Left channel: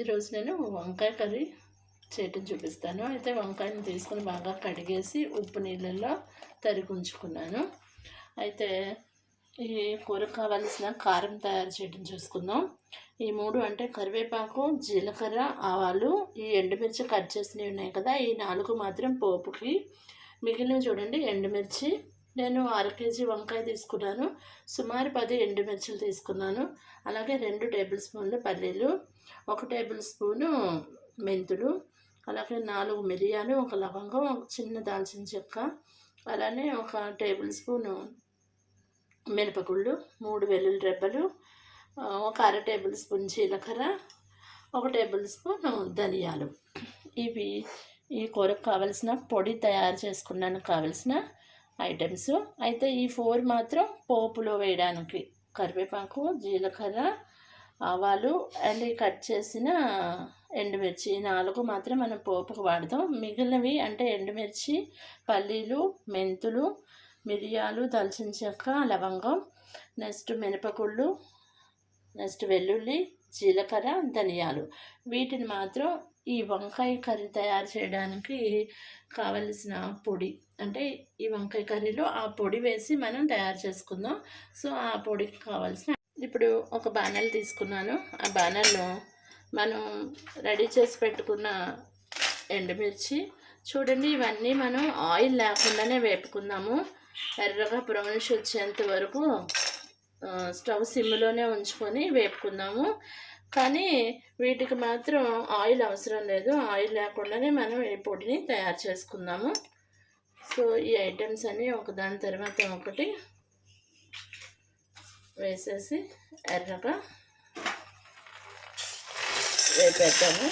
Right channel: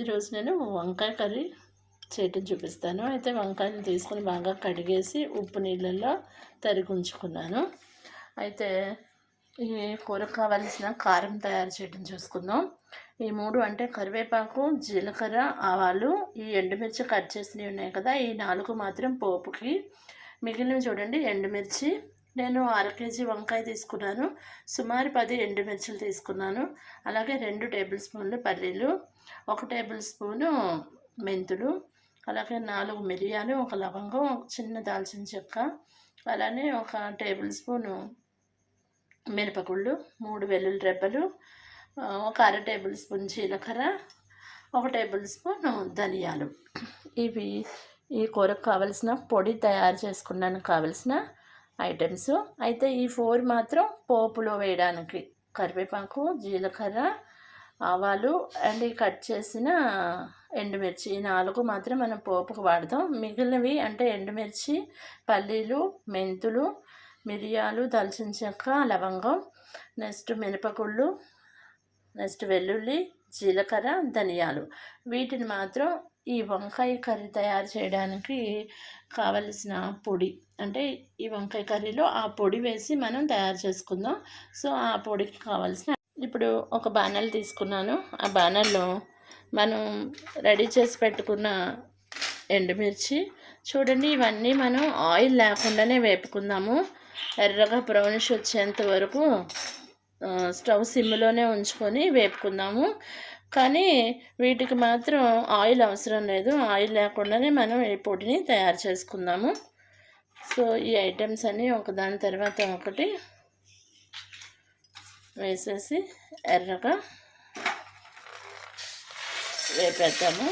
ఈరోజు నేను వంకాయ కర్రీ చేయటం చూపిస్తాను. అయితే వంకాయని తీసుకొని బాగా కడిగేసి ఉప్పు నీళ్ళల్లో తరిగి ఉంచుకున్నాను. అయితే ఈ కూరకు కావలసిన కారం తయారు చేయడం చూసుకుందాం. ఈ మూడు అంటే కరివేపాకు జీలకర్ర ఆవాలు ఈ ఎండుమిర్చి కట్ చేసినవి ఉన్నాయి కదా ఈ నాలుగు మాత్రం పోపుకి. మిగిలినవి చూడండి ఎండుమిర్చి. నేను అర కేజీ వంకాయ తీసుకున్నాను. సుమారు పది ఎండుమిర్చిలు తీసుకున్నాను. అలాగే రెండు టేబుల్ స్పూన్లు పల్లీలు. ఒక టేబుల్ స్పూను మెంతులు అలాగే నాలుగు మిరియాలు ఒక లవంగం ఒక చిన్న దాల్చిన చెక్క అలానే ఒక టేబుల్ స్పూను మినపగుళ్ళు మూడు వెల్లుల్లి రెబ్బలు ఒక అర టేబుల్ స్పూన్ జీలకర్ర ఒక టేబుల్ స్పూన్ ధనియాలు. ఇవి ఈ కూరకు కావలసిన పొడి తయారు చేసుకున్నాను కావలసిన ఐటమ్స్. అయితే ఈ ఫోర్ మాత్రం పోపులో వేయడానికి కరివేపాకు జీలకర్ర ఆవాలు అండ్ ఈ కట్ చేసిన ఎండుమిర్చి ఈ నాలుగు మాత్రం మనం పోపుకు వాడతాం. మిగిలినవి అంటే ఎండుమిర్చి పల్లీలు మెంతులు మిరియాలు దాల్చిన చెక్క లవంగం నెక్స్ట్ మినపగుళ్ళు నెక్స్ట్ వెల్లుల్లి జీలకర్ర ధనియాలు. వీటిని మాత్రం ఈ వంకాయ కర్రీ తయారు చేయడానికి కావలసిన పొడి అంటే ఈ వంకాయ కర్రీలో ఆ పొడి వేసి మనం తయారు చేసుకుందాం. సో ఆ పొడికి కావాల్సిన ఇప్పుడు ఒక బాణల్ తీసుకున్నాను. ఆ బాణల్లో మనం రెడీ చేసి పెట్టుకున్న ఎండుమిర్చి. చూడండి ఇవన్నీ మనం ఆయిల్ లేకుండానే వేపుకుందాము. ఎర్రగా బ్రౌనిష్ వచ్చేంత వరకు స్టవ్ సిమ్లోనే ఉంచుకొని వేపుకుందాము. కానీ వీటికి మాత్రం ఆయిల్ అవసరం లేదు. ఆయిల్ లేకుండానే మనం ఈ పొడిని తయారు చేసుకుందాము. సో ఈ ఐటమ్స్ అన్నీ ఒకదాని తర్వాత ఒకటి వేసేసి ఎర్రగా వేపేద్దాము.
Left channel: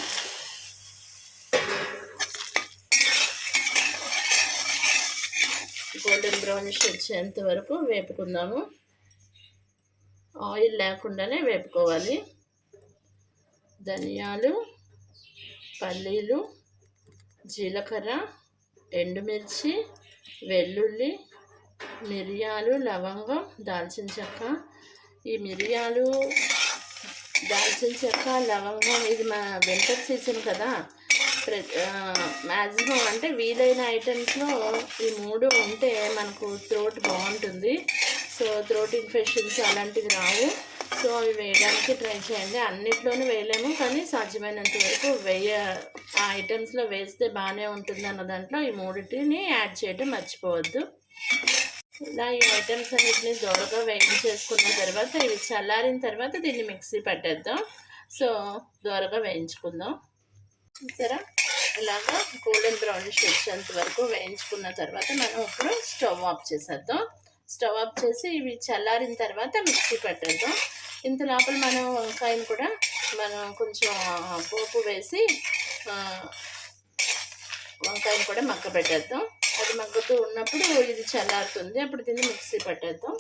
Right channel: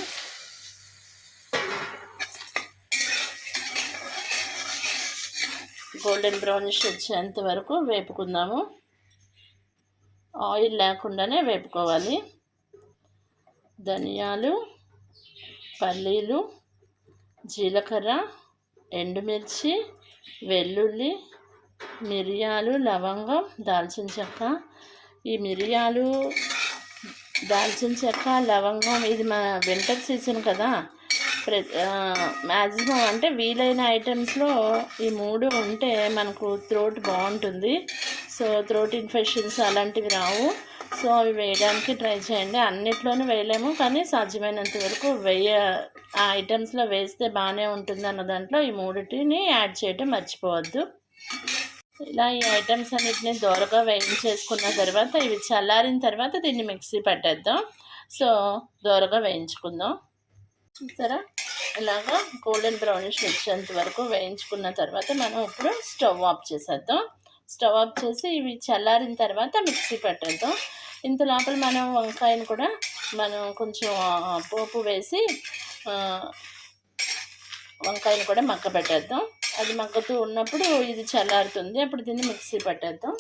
గోల్డెన్ బ్రౌనిష్ వచ్చేంత వరకు వేపుకుందాము. ఆయిల్ లేకుండానే వేపుకోవాలి. ధనియాలు పల్లీలు జీలకర్ర ఎండుమిర్చి వెల్లుల్లి మిరియాలు లవంగం దాల్చిన చెక్క ఈ మిరియాలు దాల్చిన చెక్క లవంగం ఇది మా వింటర్ సీజన్ కదా. ప్ర మ్యాక్సిమం అంటే వీలైన ఐటమ్స్లో ఈ మూడు ఉంటే మనకు థ్రోట్ బాగుంటుంది. సో థ్రోట్ ఇన్ఫెక్షన్స్ అలాంటివి రావు. సో అవి వేయడానికి ట్రై చేయండి. అన్నిట్లోనూ వేయలేము కానీ సాధ్యమైనంత వరకు వేయ ఆ ఐటమ్స్లో వేస్తే బాగానే ఉంటుంది అన్న దాంట్లో ఈ మూడిటిని యాడ్ చేయడం మర్చిపోవద్దు. ఇలా ఈ ఐటమ్స్ అన్నిటిని దోరగా వేయించేసుకున్న తర్వాత ఇవి చల్లారిన తర్వాత దీన్ని మిక్సీ పట్టేద్దాం. సో దోరగా వేయించుకుందాం. చూసారా? ఇలాగా గోల్డెన్ బ్రౌనిష్ వచ్చేంత వరకు వేయించుకున్న తర్వాత మనం ఇప్పుడు స్టవ్ ఆఫ్ చేసేద్దాం. స్టవ్ ఆఫ్ చేసి ఇవి చల్లారిన తర్వాత మిక్సీ పట్టేద్దాం. ఇంత లోపల మనం వంకాయను కూడా మనం కొంచెం పోపు వేసి వంకాయను కూడా మగ్గ పెట్టేద్దాం అది మగ్గుతూ ఉన్నప్పుడు ఇది చల్లారుతుంది. అప్పుడు దీన్ని మిక్సీ పట్టేద్దాం.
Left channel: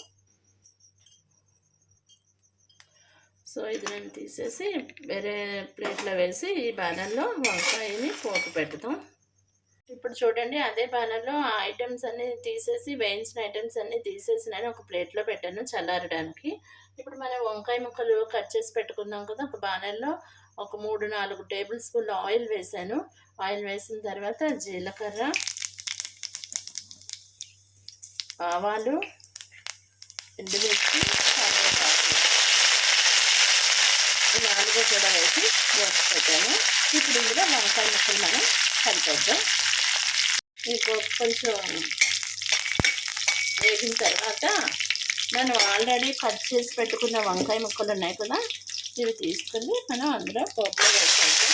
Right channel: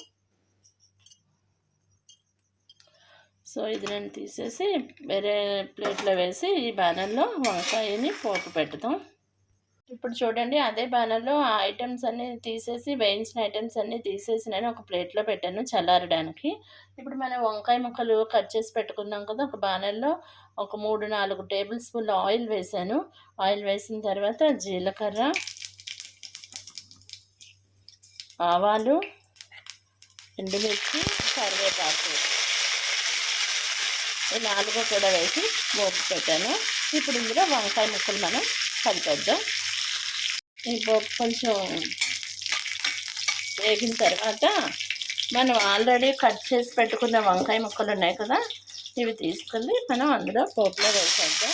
సో ఇది నేను తీసేసి వేరే ప్లేట్లో వేసి ఈ బ్యానర్లో వంకాయని పోపు పెడతాం ఇప్పుడు చూడండి అదే బ్యానర్లో ఆ ఐటమ్స్ అన్నీ తీసేసి వేయించిన ఐటమ్స్ అన్నీ తీసేసి నేను ఒక ప్లేట్లో పెట్టాను చల్లారడానికి. ఇప్పుడు మనం వంకాయ ముక్కలు కట్ చేసి పెట్టుకున్నాం కదా ఒక బ్యానర్లో ఒక మూడు నాలుగు టేబుల్ స్పూన్ల ఆయిల్ వేసాను. ఆయిల్ వేసిన తర్వాత జీలకర్ర ఆవాలు ఎండుమిర్చి కరివేపాకు. ఈ నాలుగు కూడా వేసి వేసి పెట్టాను ఇప్పుడు ఇందులో వంకాయ ముక్కలు మనం కలిపేద్దాం. ఈ పోపు కొంచెం వేగిన తర్వాత మనం ఆల్రెడీ కట్ చేసి పెట్టుకున్న వంకాయ ముక్కలు ఉన్నాయి కదా ఇవి తీసుకుని మనం అందులో పోపులో వేసేద్దాం.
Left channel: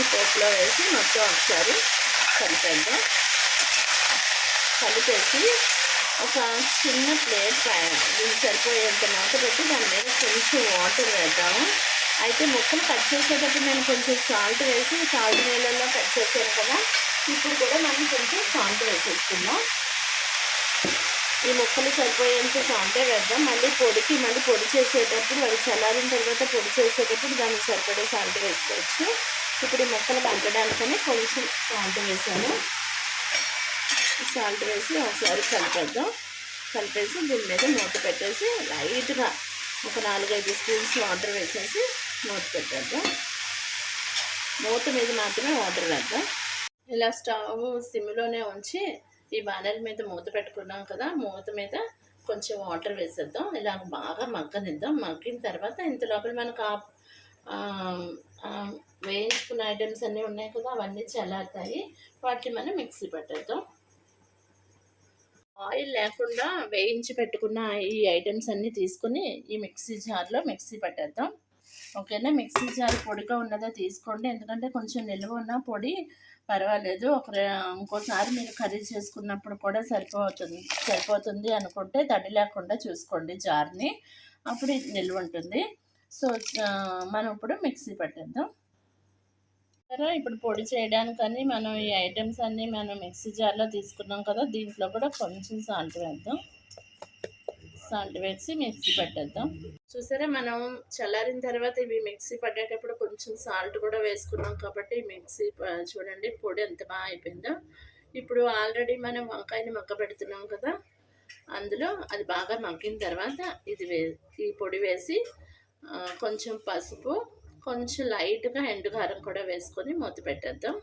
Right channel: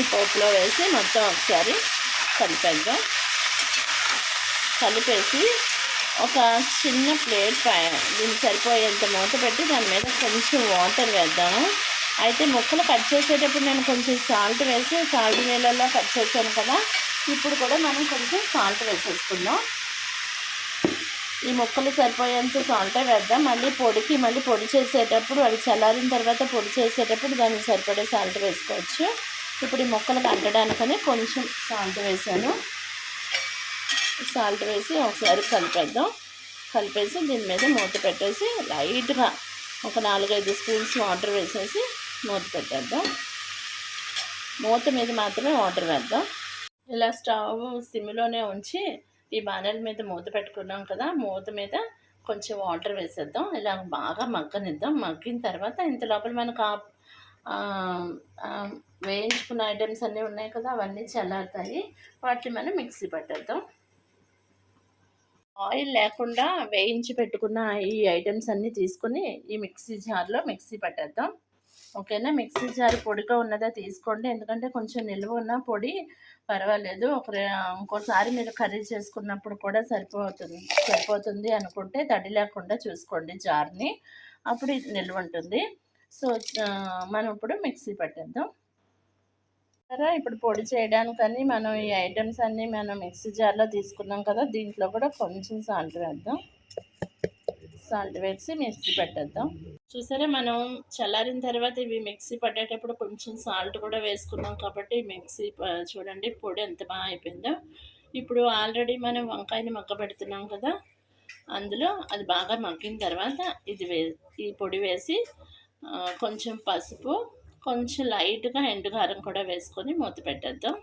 ఈ పోపులో వేసి మొత్తం ఒకసారి కలిపేద్దాం. కలిపేసి ఒక చిన్న ప్లేట్ పైన దీన్ని సరిపోయేంత మూత పెట్టి దాని మీద కొంచెం వాటర్ వేద్దాము అయితే ముక్కలు కట్ చేసేటప్పుడు నేను కొంచెం సాల్ట్ వేసి సాల్ట్ నీళ్ళల్లో కట్ చేశాను కదా ఇప్పుడు కూడా మనం కొంచెం సాల్ట్ వేసేసుకుందాం. ఈ ముక్కలు సరిపోయేంత సాల్టే వేద్దాం. మళ్ళీ పొడికి మళ్ళీ పొడి చేసేటప్పుడు అది చల్లారిన తర్వాత పొడి చేసేటప్పుడు దానికి సరిపడే సాల్ట్ వేసుకోవచ్చు. ఇప్పుడు ఈ ముక్కలు కట్టడానికని కొంచెం సాల్ట్ వేసాను. సాల్ట్ వేసి ఒకసారి కలిపేద్దాం. కలిపేసి దీని మీద మూత పెట్టేసి లైట్గా ఒక నాలుగైదు స్పూన్స్ వాటర్ వేసేసి మూత పెట్టేద్దాం. మూత మీద మాత్రమే వాటర్ వేద్దాం. ఇలా స్టవ్ సిమ్లోనే ఉంచి ఈ బాణల మీద మూత పెట్టుకున్నాం కదా మూత మీద కొంచెం వాటర్ వేసేద్దాం. ఇలా బాగా మగ్గనిద్దాం. మగ్గిన తర్వాత ఇంత లోపల మనకు వేయించుకున్న ఐటమ్స్ అన్నీ ఉన్నాయి కదా అవన్నీ చల్లారుతాయి. వాటిని మనం మిక్సీ పట్టేద్దాం. ఆయిల్ లేకుండా వేయించి పెట్టుకున్న ఈ ఐటమ్స్ అన్నీ తీసుకొని ఈ మిక్సీ జార్లో మిక్సీ పట్టేద్దాం. ఓకేనా? మిక్సీ జార్ పొడిగా ఉన్నదా తీసుకోండి. ఎందుకంటే కొంచెం నిల్వ ఉన్న పొడి పర్వాలేదు. ఒక ఇంకోసారి మీరు కర్రీ చేసుకున్నప్పుడు కూడా సరిపోతుంది సరిపోతుంది అనుకుంటే తడి లేకుండా చూసుకోండి జార్ని అప్పుడు నిల్వ ఉంటుంది. సో మనం ఇప్పుడు మిక్సీ పట్టేద్దాం. సరే ఇప్పుడు పొడి చేయడానికని మనం ఈ ఐటమ్స్ అన్నీ మనం మిక్సీ జార్లో తీసుకున్నాం కదా దీంట్లో కూడా కొంచెం సాల్ట్ వేద్దాం. సాల్ట్ వేసి మిక్సీ పెట్టేద్దాం. చూసారా మనం చల్లారిన తర్వాత ఇవి మిక్సీ పట్టేటప్పుడు కొంచెం సాల్ట్ కూడా వేసుకున్నాం కాబట్టి మిక్సీ చూడండి పొడి ఎంత బాగా అయిపోయిందో. ఇప్పుడు ఆల్రెడీ మనం వంకాయని మగ్గ పెడుతున్నాం కదా అందులో అది బాగా మగ్గిన తర్వాత ఇది వే ఈ పొడి వేసి కొంచెం పసుపు కొంచెం లైట్గా ఎండుకారం కూడా వేసుకొని మూత పెట్టేద్దాం.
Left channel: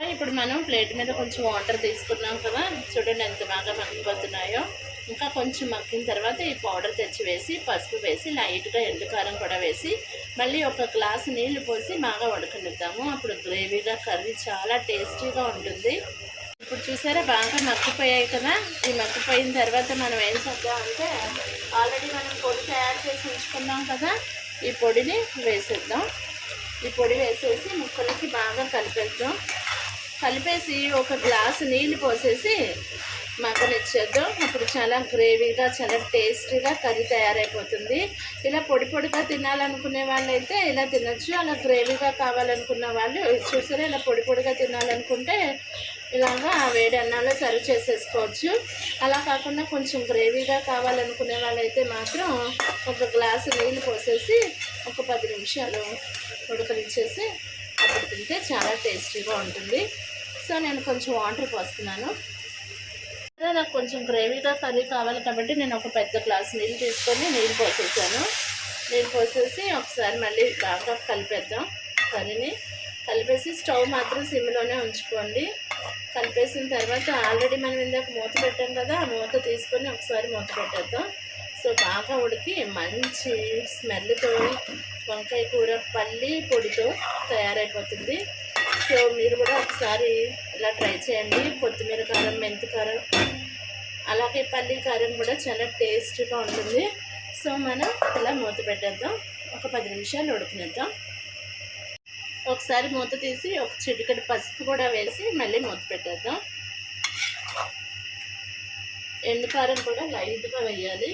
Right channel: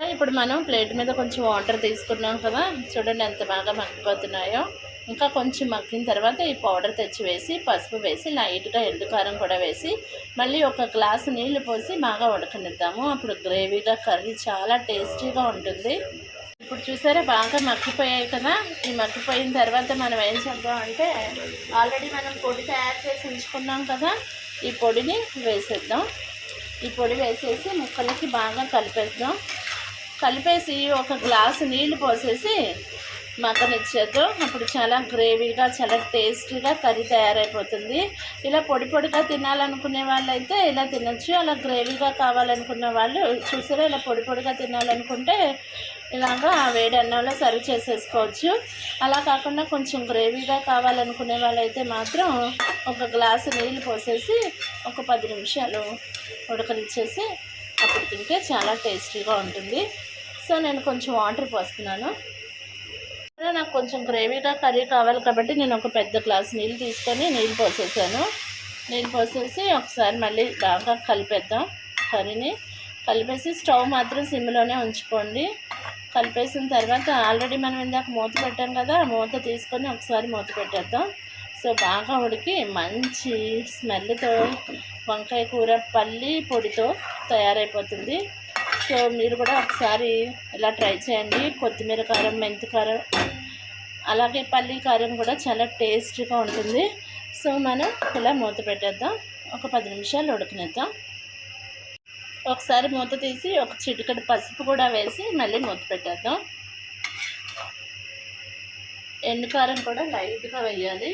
ఇప్పుడు మనం ప్లేట్ మీద కొంచెం వాటర్ తీసుకున్నాం కదా చూడండి ఎంత బాగా మగ్గిపోతున్నాయో. ఇంకా కొంచెం మగ్గిన తర్వాత ఈ పౌడర్ తెచ్చి వేసి పసుపు వేసి లైట్గా ఎండుకారం కూడా వేసి మళ్ళీ ఒక గ్లాసు నీళ్ళు పోసి బాగా ఉడకనిద్దాము. అప్పుడు గ్రేవీగా కర్రీ చాలా టేస్టీగా ఉంటుంది. ఇప్పుడు చూసారా బాగా మగ్గిపోయాయి కదా. ఈ మగ్గిపోయిన తర్వాత మనం ఏం చేద్దాం అంటే ఆల్రెడీ మనం పొడి తయారు చేసి ఉంచుకున్నాం కదా ఈ పొడిని వేసేద్దాం. ఈ పొడి వేసేసి ముక్కలకి బాగా కలిపేద్దాం. కలిపేసి ఒక గ్లాసు నీళ్ళు పోసేసి మగ్గనిచ్చేద్దాం అప్పుడు చాలా గ్రేవీగా చాలా టేస్టీగా కర్రీ తయారైపోతుంది. ఇలా పొడి పొడిగా తినాలనుకునే వాళ్ళైతే ఇలా తినచ్చు. అలా గ్రేవీగా కావాలనుకున్న వాళ్ళు చూసారా? ఇలా పొడి పొడిగా తినాలనుకుంటే ఇలాగా వేడి అన్నంలో సర్వ్ చేసేసుకోవచ్చు. అలా కాకుండా కొంచెం గ్రేవీగా కావాలనుకునే వాళ్ళైతే మాత్రం ఒక గ్లాసు నీళ్ళు పోసేసి ఒక పది నిమిషాలు ఉడకనిచ్చేసి అప్పుడు తింటే చాలా టేస్టీగా ఉంటుంది. సో నేను కొంచెం వాటర్ పోస్తున్నాను. నాకు కొంచెం గ్రేవీగా కర్రీ కావాలి కాబట్టి నేను ఒక పెద్ద గ్లాస్ నీళ్ళు తీసుకొని నీళ్ళు పోసేసాను. నీళ్ళు పోసేసి ఒకసారి మళ్ళీ బాగా కలిపేద్దాం కర్రీని. కలిపేసి స్టవ్ మాత్రం సిమ్లోనే ఉంచుకోండి. కలిపేసిన తర్వాత ఆల్రెడీ మనం ఇందాక మూత పెట్టాం కదా ఆ మూత తీసుకొని ఒకసారి మూత పెట్టేద్దాం. సో బాగా ఉడికి మంచి స్మెల్తో వంకాయ కూర పల్లి పొడితో తయారైపోతుంది. సో మీరు కూడా ఒకసారి ఇలా ట్రై చేయండి. కొత్తిమీర కారం మెంతి కారం అలాగే పల్లి కారం కూడా చాలా టేస్ట్గా ఉంటుంది. సో మనం ఇలా మూత పెట్టేద్దాం. ఒక పది నిమిషాలు ఉడికినేద్దాం. ఒకసారి మూత తీసి ఒక చిటికటి పసుపు కూడా వేసి మళ్ళీ మూత పెట్టేద్దాం. ఎండుకారం కూడా లైట్గా వేయాలి.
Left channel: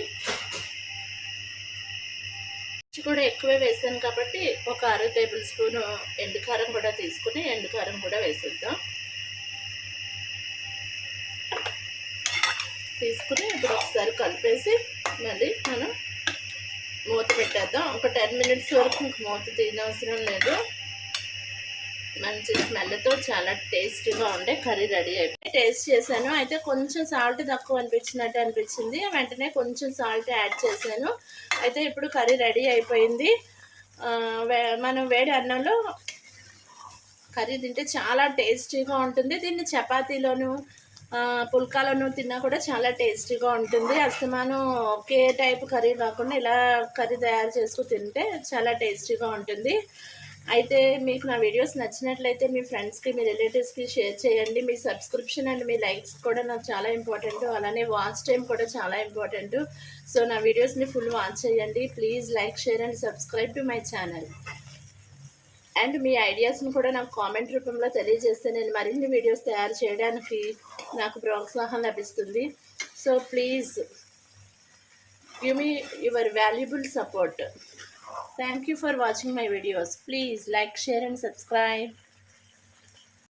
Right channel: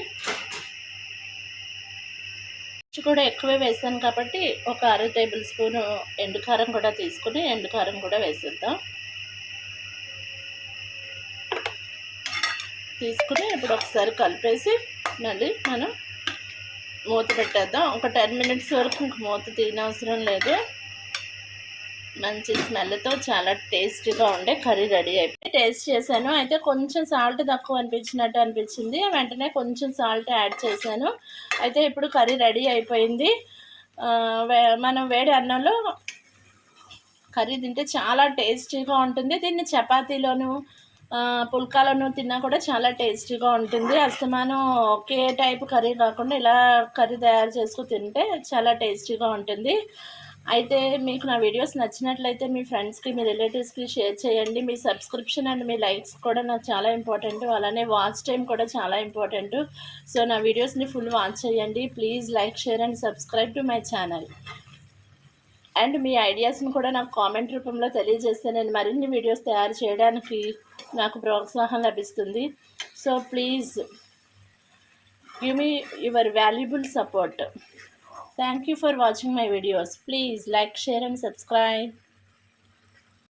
కూడా ఎక్కువే వేసాను కాబట్టి ఒక అర టేబుల్ స్పూను ఎండుకారం కూడా తీసుకుని ఎండుకారం కూడా వేసేద్దాం. తీసుకుని ఇప్పుడు ఒకసారి కలిపేసి మళ్ళీ మనం మూత పెట్టేద్దాం. ఒక టెన్ మినిట్స్ వరకు ఇంక మూత తీయనవసరం లేదు. మంచి స్మెల్తో చాలా టేస్టీగా ఉండే కర్రీ రెడీ అయిపోయి టేస్ట్ చేశాను. అయితే కొంచెం సాల్ట్ తక్కువ అనిపించినట్టు అనిపించింది. వెంటనే కొంచెం సాల్ట్ యాడ్ చేశాను. అయితే ఇప్పుడు కర్రీ రెడీ అయిపోయింది. మనం వేడి అన్నంలో కర్రీ తింటే చాలా టేస్టీగా ఉంటుంది. దీన్ని చపాతీలోను పుల్కాలను తిన్నా కూడా చాలా టేస్టీగా ఉంటుంది. అస్తమానం ఒకే టైప్ కర్రీ కాకుండా ఇలా కర్రీ తయారు చేసుకుని తింటే చాలా టేస్టీగా ఉంటుంది. అయితే మీకు నా వీడియోస్ నచ్చినట్లయితే మీ ఫ్రెండ్స్కి మీ రిలేటివ్స్కి షేర్ చేయండి. మీ సబ్స్క్రిప్షన్ అండ్ మీ లైక్స్ కూడా నాకు చాలా ఇంపార్టెంట్ అలానే వాచ్ టైం కూడా చాలా ఇంపార్టెంట్ సో నా వీడియోస్ని ఫుల్ వాచ్ చేయండి. Please like share and subscribe to my channel and మీ ఐడియాస్ని కూడా నాకు కామెంట్ రూపంలో తెలియజేస్తే నేను మరిన్ని వీడియోస్ తయారు చేయడానికి నాకు ప్రోత్సాహం లభిస్తుంది. So please give me your valuable support Thank you for watching my videos. Please like, share and subscribe.